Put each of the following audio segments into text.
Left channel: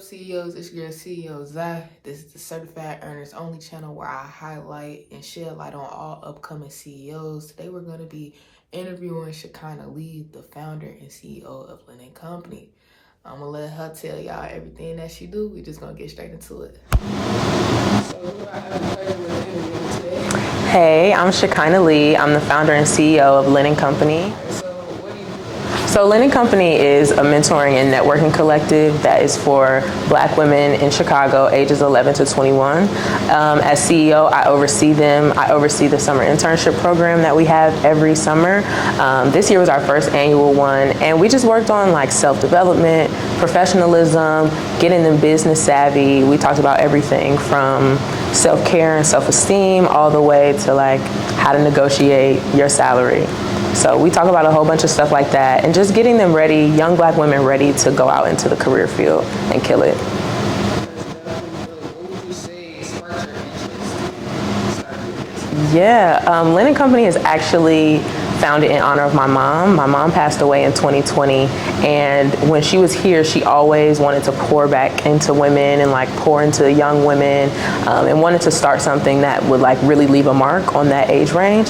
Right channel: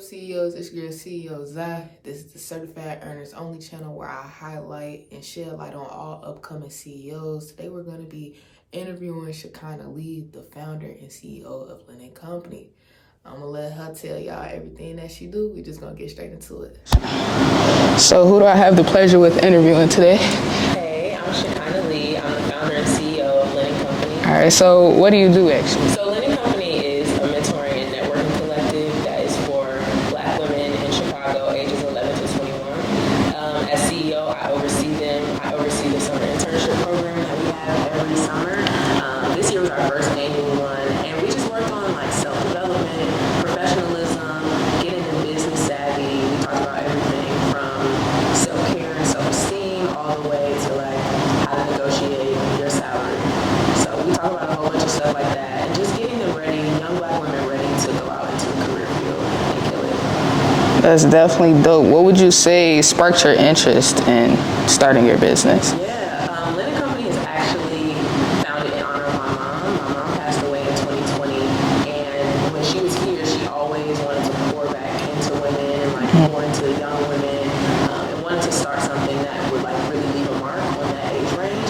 up, CEOs? It's your CEO, Zai. This is the Certified Earners Only channel where I highlight and shed light on all upcoming CEOs. Today we're going to be interviewing Shekinah Lee, the founder and CEO of Lynn and Company. I'm going to let her tell y'all everything that she do. We just going to get straight into it. So who do I have the pleasure with interviewing today? Hey, I'm Shekinah Lee. I'm the founder and CEO of Lynn and Company. All right, so what do you do actually? So Lynn and Company is a mentoring and networking collective that is for Black women in Chicago, ages 11 to 21. As CEO, I oversee them. I oversee the summer internship program that we have every summer. This year was our first annual one, and we just worked on like self-development, professionalism, getting them business savvy. We talked about everything from self-care and self-esteem all the way to like how to negotiate your salary. So we talk about a whole bunch of stuff like that and just getting them ready, young Black women ready to go out into the career field and kill it. That's definitely dope. What would you say sparked your interest in starting your business? Yeah, Lynn and Company is actually founded in honor of my mom. My mom passed away in 2020, and when she was here, she always wanted to pour back into women and like pour into young women, and wanted to start something that would like really leave a mark on that age range.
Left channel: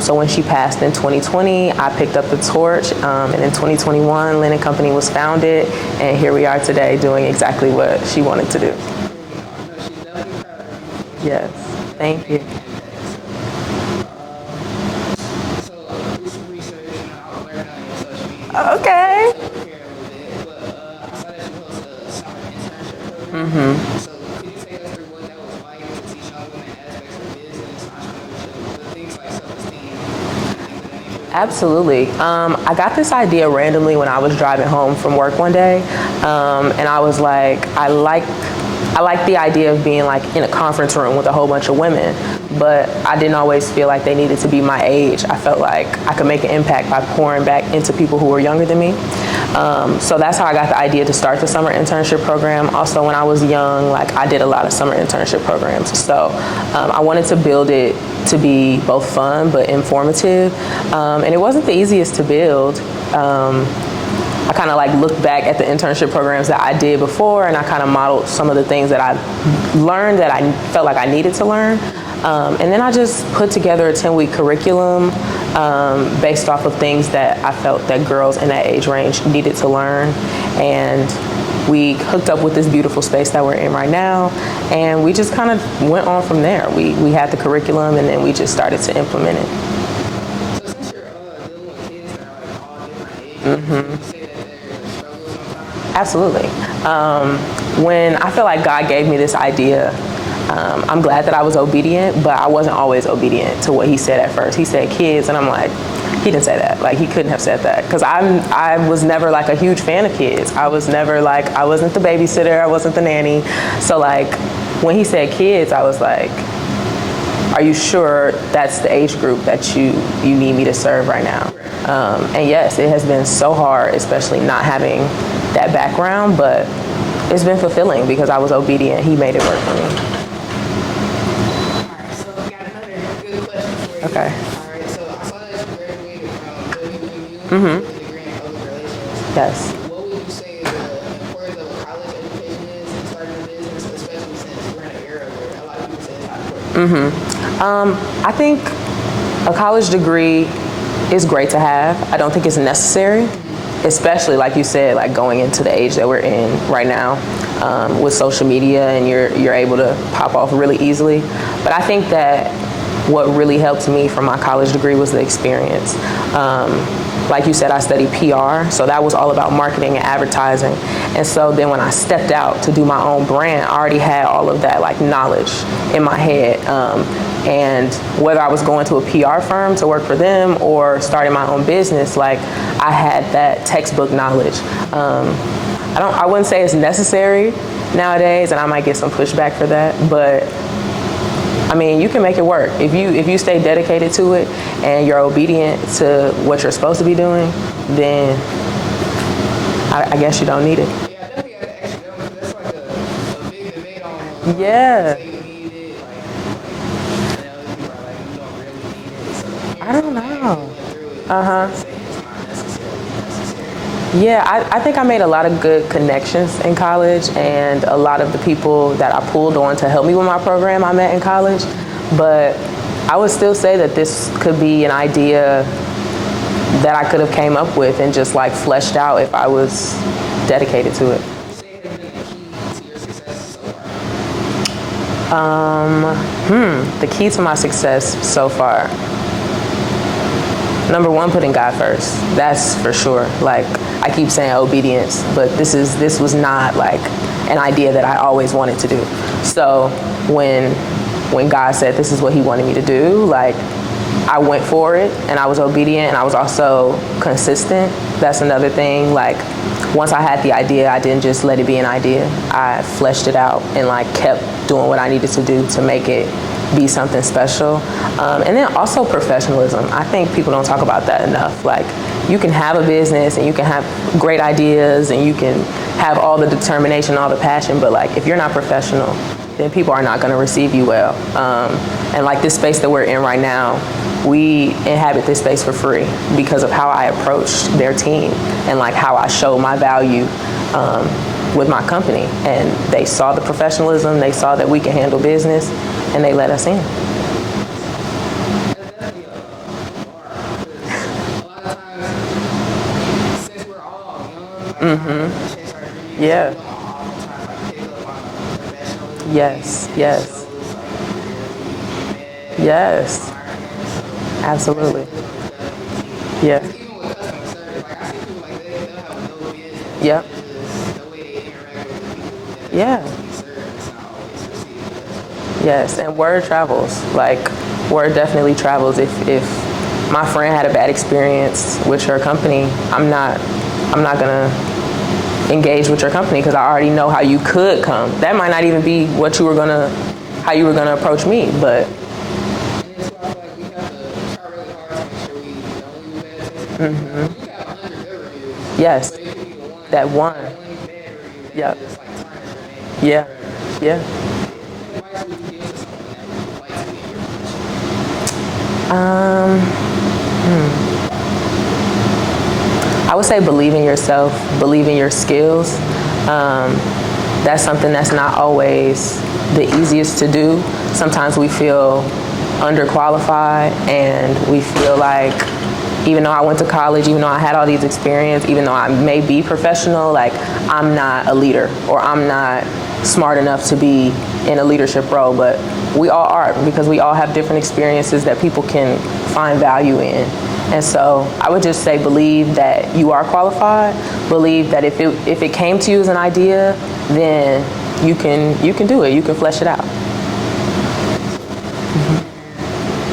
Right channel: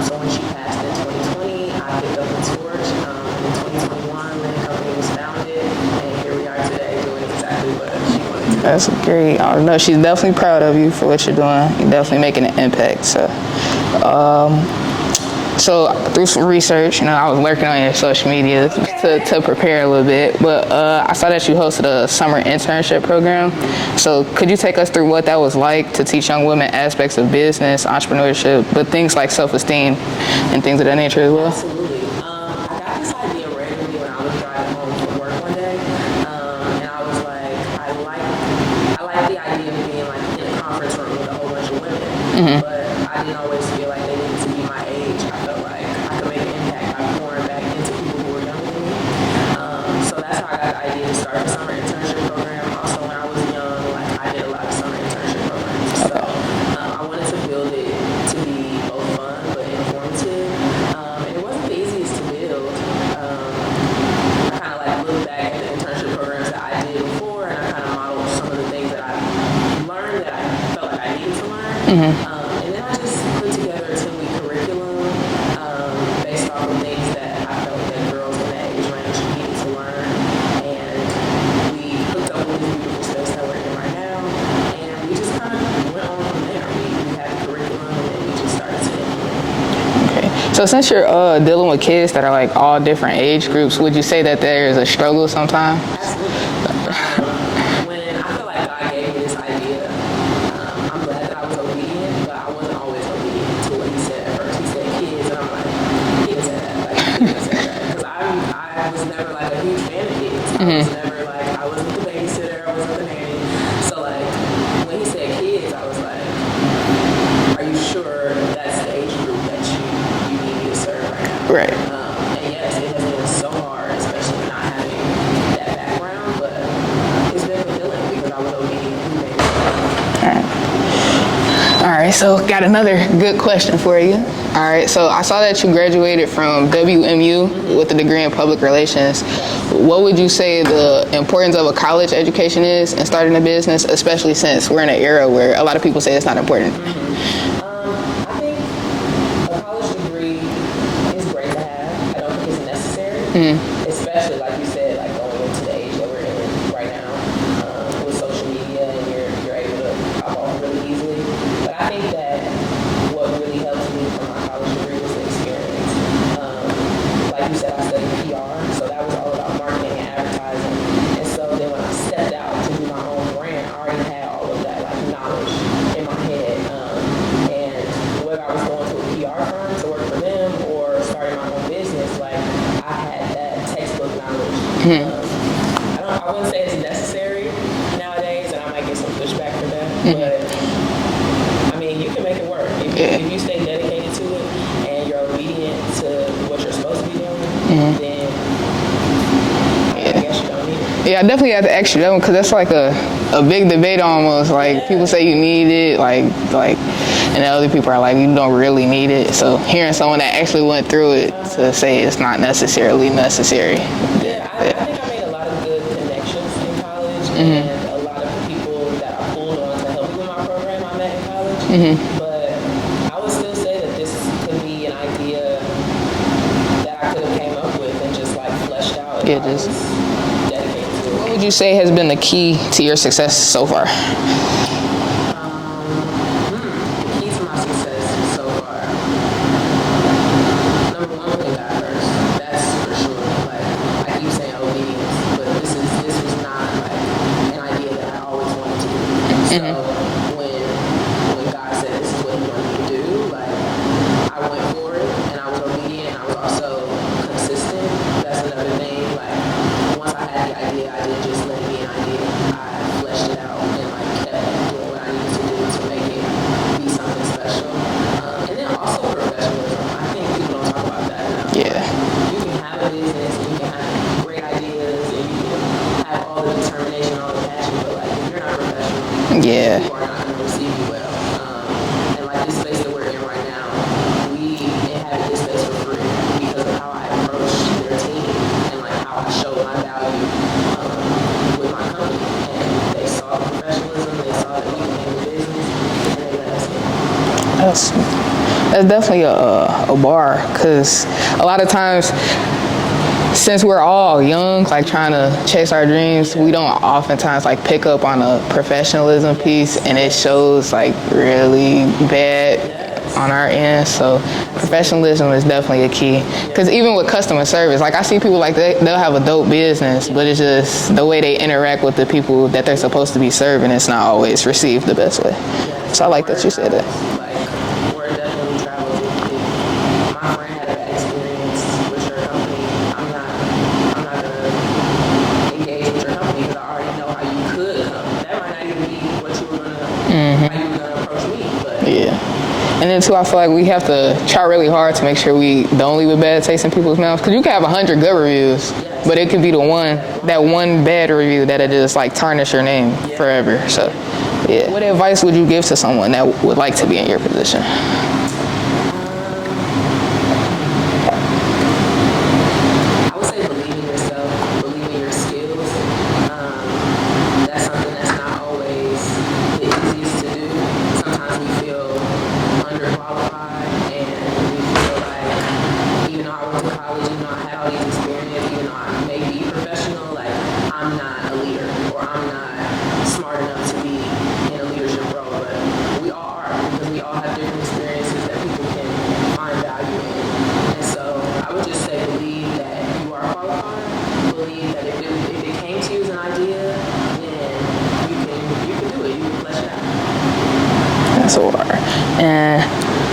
So when she passed in 2020, I picked up the torch, and in 2021, Lynn and Company was founded, and here we are today doing exactly what she wanted to do. That's great. I know she's definitely proud of you for what you're doing. You're definitely making an impact. So through some research, I was lurking on your social media to prepare a little bit, but I saw that you hosted a summer internship program. So could you take us through what that was like to teach young women aspects of business, entrepreneurship, but things like self-esteem and things of that nature as well? Absolutely. I got this idea randomly when I was driving home from work one day, and I was like, I like the idea of being like in a conference room with a whole bunch of women, but I didn't always feel like they needed to be my age. I felt like I could make an impact by pouring back into people who were younger than me. So that's how I got the idea to start the summer internship program. Also, when I was young, like I did a lot of summer internship programs. So I wanted to build it to be both fun but informative, and it wasn't the easiest to build. I kind of like looked back at the internship programs that I did before, and I kind of modeled some of the things that I learned that I felt like I needed to learn. And then I just put together a 10-week curriculum based off of things that I felt that girls in that age range needed to learn. And we hooked up with this beautiful space that we're in right now, and we just kind of went on from there. We had the curriculum, and then we just started to implement it. So since you're dealing with kids that are like all different age groups, would you say that there is a struggle sometimes? Absolutely. When I feel like God gave me this idea, I'm glad that I was obedient, but I wasn't always obedient to what he said at first. He said kids, and I'm like, he didn't say that. Like, he couldn't have said that. Because I was never like a huge fan of kids. I was never like, I wasn't the babysitter, I wasn't the nanny. So like, when he said kids, I was like, are you sure that's the age group that you need me to serve right now? Right. And yes, it has been so hard, especially not having that background, but it's been fulfilling because I was obedient. He made it work for me. All right, so got another good question for you. Okay. All right, so I saw that you graduated from WMU with a degree in public relations. Yes. What would you say the importance of a college education is in starting a business, especially since we're in an era where a lot of people say it's not important? I think a college degree is great to have. I don't think it's necessary, especially like you said, like going into the age that we're in right now with social media, and you're able to pop off really easily. But I think that what really helped me from my college degree was the experience. Like you said, I studied PR, so that was all about marketing and advertising. And so then when I stepped out to do my own brand, I already had all of that like knowledge in my head. And whether I was going to a PR firm to work for them or starting my own business, like I had that textbook knowledge. I wouldn't say it's necessary nowadays, and I might get some pushback for that, but I mean, you can make it work. If you stay dedicated to it and you're obedient to what you're supposed to be doing, then I guess you don't need it. Yeah, I definitely have to ask you that one because that's like a big debate almost. Like people say you need it, like and the other people are like, you don't really need it. So hearing someone that actually went through it to say it's not necessarily necessary. Yeah, I think I made a lot of good connections in college, and a lot of the people that I pulled on to help me with my program I met in college. But I would still say that this could be an idea that I could have came up with and just like fleshed out if I was dedicated to it. What would you say has been the key to your success so far? The key to my success so far. Number one, putting God first. That's for sure. Like, I keep saying obedience, but this was not like an idea that I always wanted to do. So when God said this is what he wanted me to do, like, I went for it and I was obedient and I was also consistent. That's another thing. Like, once I had the idea, I didn't just let it be an idea. I fleshed it out and like kept doing what I needed to do to make it be something special. And then also professionalism. I think people don't talk about that enough. Yeah. Like, you can have a business and you can have great ideas and you can have all the determination, all the passion, but like if you're not professional, then people are not going to receive you well. And like this space that we're in right now, we inhabit this space for free because of how I approached their team and like how I show my value with my company. And they saw the professionalism, they saw that we can handle business, and they let us in. That's definitely a bar, because a lot of times, since we're all young, like trying to chase our dreams, we don't oftentimes like pick up on a professionalism piece, and it shows like really bad on our end. So professionalism is definitely a key. Because even with customer service, like I see people like they'll have a dope business, but it's just the way they interact with the people that they're supposed to be serving, it's not always received the best way. Yes, so I like word that you travels. said that. Like, word definitely travels. If my friend had a bad experience with your company, I'm not gonna engage with your company because I already know how you could come. That might not even be what you were gonna, how you were gonna approach me, but. And then too, I feel like we have to try really hard to make sure we don't leave a bad taste in people's mouths. Because you can have 100 good reviews, but it could be the that one bad review that it just like tarnish your name forever. So, what advice would you give to someone that would like to be in your position? I would say believe in yourself, believe in your skills. That's something that's not always the easiest to do. Sometimes we feel underqualified and we feel like even though I went to college, even though I had all these experience, even though I may be professional, like I'm not a leader or I'm not smart enough to be in a leadership role, but we all are because we all have different experiences that people can find value in. And so I would just say believe that you are qualified, believe that if it came to you as an idea, then you can do it, you can flesh it out. That's a word. And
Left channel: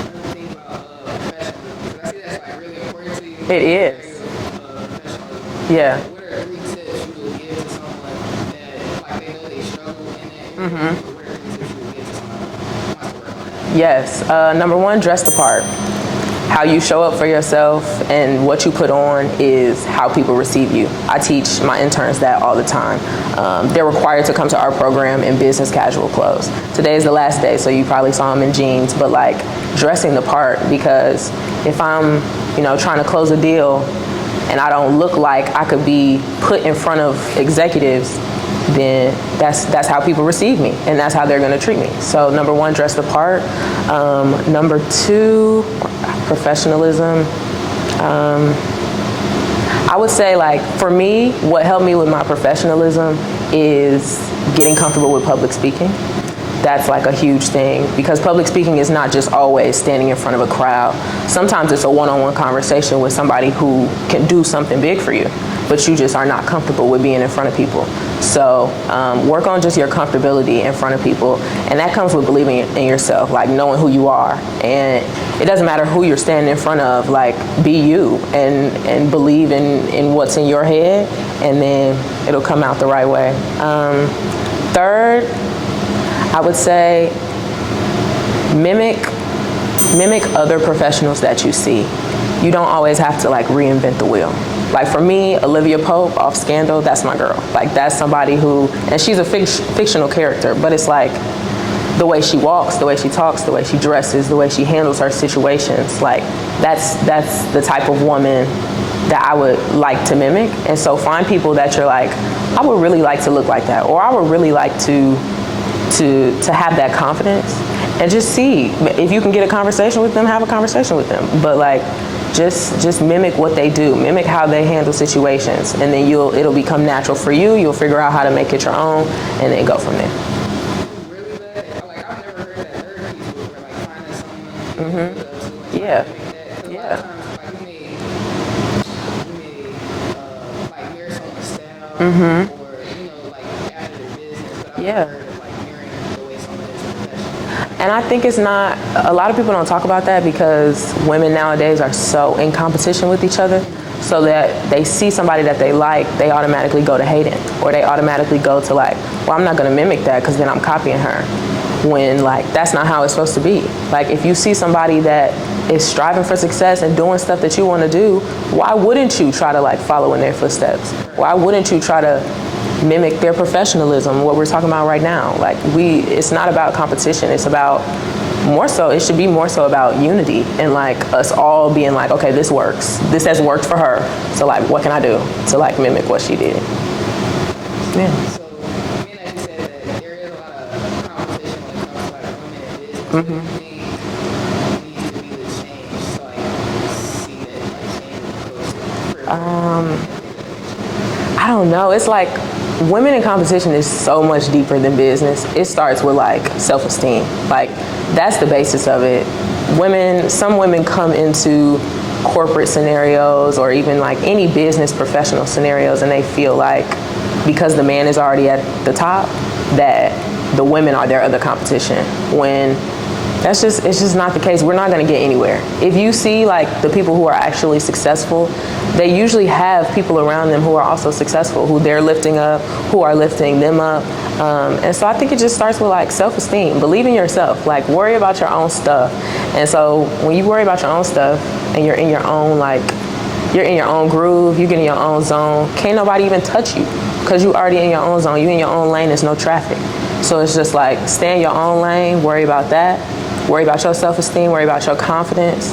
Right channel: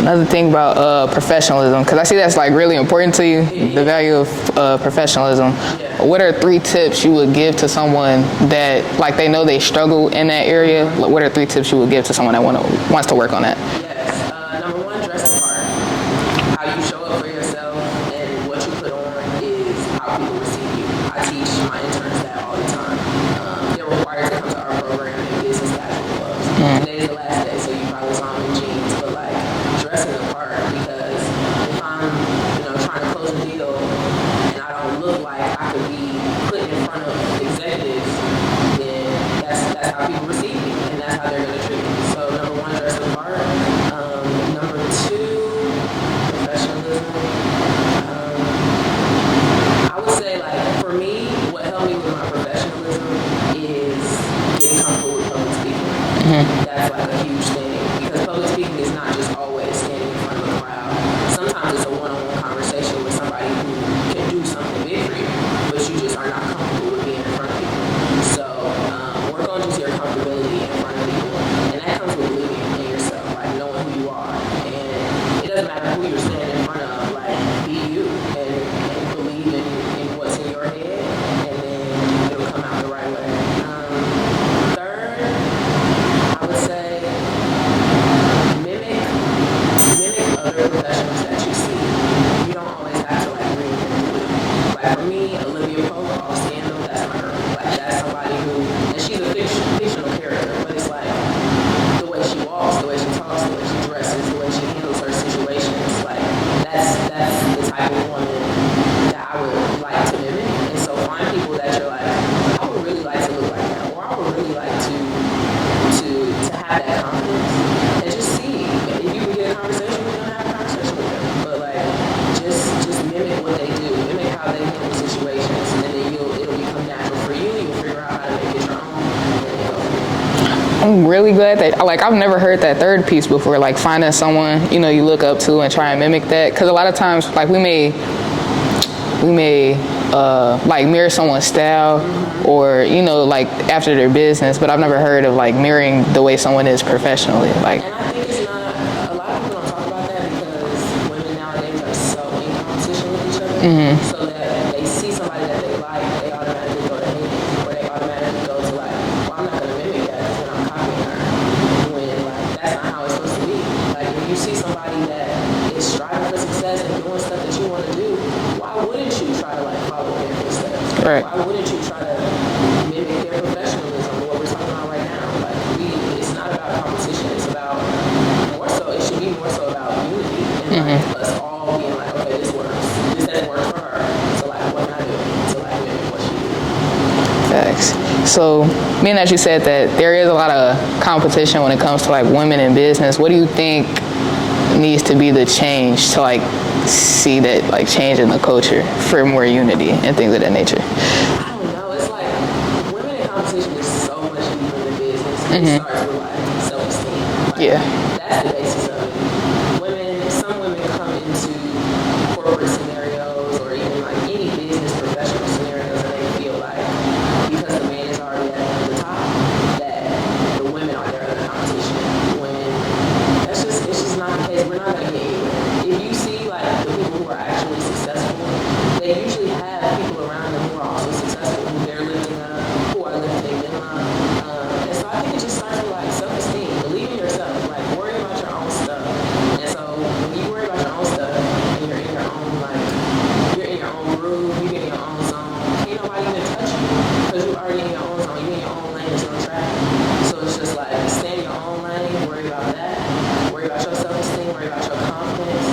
another thing about professionalism, because I see that's like really important to you, the value of professionalism. Yeah. What are 3 tips you would give to someone that like they know they struggle in that area? What are 3 tips you would give to someone that wants to work on that? Yes. Number 1, dress the part. How you show up for yourself and what you put on is how people receive you. I teach my interns that all the time. They're required to come to our program in business casual clothes. Today is the last day, so you probably saw them in jeans, but like dressing the part, because if I'm, trying to close a deal and I don't look like I could be put in front of executives, then that's how people receive me and that's how they're going to treat me. So number 1, dress the part. Number 2, professionalism. I would say, like, for me, what helped me with my professionalism is getting comfortable with public speaking. That's like a huge thing because public speaking is not just always standing in front of a crowd. Sometimes it's a one-on-one conversation with somebody who can do something big for you, but you just are not comfortable with being in front of people. So work on just your comfortability in front of people, and that comes with believing in yourself, like knowing who you are. And it doesn't matter who you're standing in front of, like be you and believe in what's in your head, and then it'll come out the right way. 3rd, I would say mimic other professionals that you see. You don't always have to like reinvent the wheel. Like for me, Olivia Pope off Scandal, that's my girl. Like that's somebody who, and she's a fictional character, but it's like the way she walks, the way she talks, the way she dresses, the way she handles her situations. Like that's the type of woman that I would like to mimic. And so find people that you're like, I would really like to look like that, or I would really like to have that confidence, and just see if you can get a conversation with them. Have a conversation with them, but like just mimic what they do, mimic how they handle situations, and then it'll become natural for you. You'll figure out how to make it your own, and then go from there. I'm really glad that, like, I've never heard that third piece before, like finding someone, you know, you look up to and try and mimic that. Because a lot of times, like, we may like mirror someone's style or, you know, like after their business, but I've never heard of like mirroring the way someone is professionally. Like, and I think it's not, a lot of people don't talk about that because women nowadays are so in competition with each other, so that they see somebody that they like, they automatically go to hating, or they automatically go to like, well, I'm not going to mimic that because then I'm copying her. When like that's not how it's supposed to be. Like if you see somebody that is striving for success and doing stuff that you want to do, why wouldn't you try to like follow in their footsteps? Right. Why wouldn't you try to mimic their professionalism, what we're talking about right now? Like it's not about competition, it's about it should be more so about unity, and like us all being like, okay, this works, this has worked for her, so like what can I do to like mimic what she did? So, being that you said that there is a lot of competition when it comes to like women in business, what do you think needs to be the change to like see that like change in the culture for more unity and things of that nature? I don't know. It's like women in competition is so much deeper than business. It starts with like self-esteem. Like that's the basis of it. Some women come into corporate scenarios or even like any business professional scenarios, and they feel like because the man is already at the top that the women are their other competition, when it's just not the case. We're not going to get anywhere. If you see like the people who are actually successful, they usually have people around them who are also successful, who they're lifting up, who are lifting them up. And so I think it just starts with like self-esteem. Believe in yourself. Like worry about your own stuff. And so when you worry about your own stuff and you're in your own groove, you get in your own zone, can't nobody even touch you because you already in your own zone. You in your own lane, there's no traffic. So it's just like stay in your own lane, worry about that, worry about your self-esteem, worry about your confidence.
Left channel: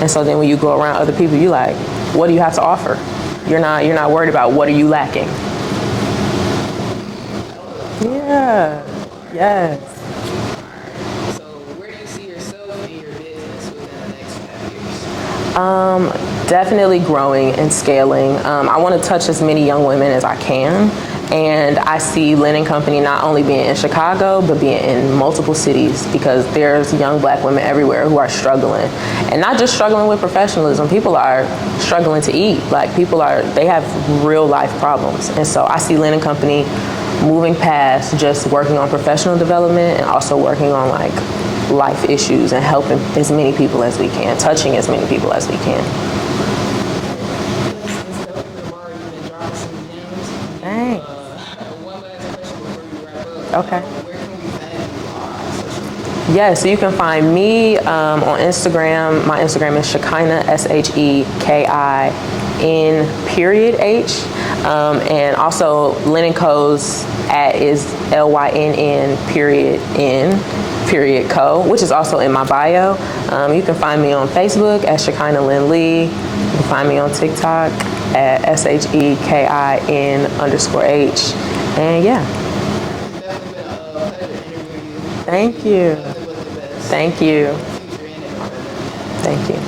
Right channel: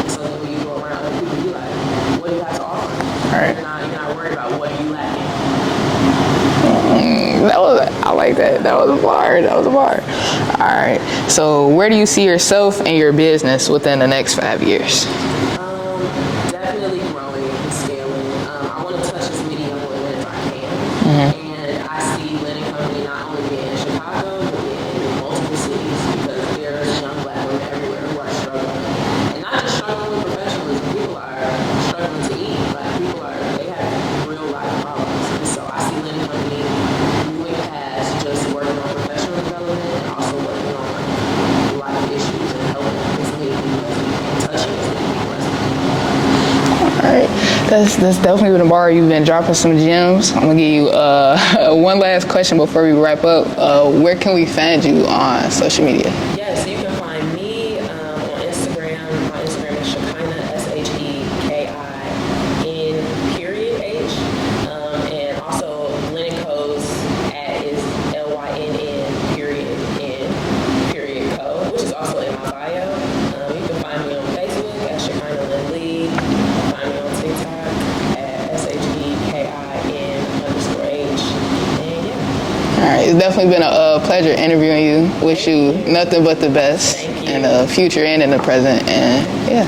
And so then when you go around other people, you like, what do you have to offer? Right. You're not worried about what are you lacking. I like that. That was a bar. That was a bar. All right. So where do you see yourself and your business within the next 5 years? Definitely growing and scaling. I want to touch as many young women as I can. And I see Lynn and Company not only being in Chicago, but being in multiple cities, because there's young black women everywhere who are struggling. And not just struggling with professionalism, people are struggling to eat. Like they have real life problems. And so I see Lynn and Company moving past just working on professional development and also working on like life issues and helping as many people as we can, touching as many people as we can. All right, that's definitely been a bar. You've been dropping some gems. I'm gonna give you one last question before we wrap up. Okay. Where can we find you on social media? Yeah, so you can find me on Instagram. My Instagram is Shekinah, SHEKIN_H. And also Lynn and Co's @ is LYNN_N_Co, which is also in my bio. You can find me on Facebook at Shekinah Lynn Lee. You can find me on TikTok at SHEKIN_H. And yeah. All right, it's definitely been a pleasure interviewing you. Wish you nothing but the best. Thank you. In the future and in the present. And thank you. Yeah.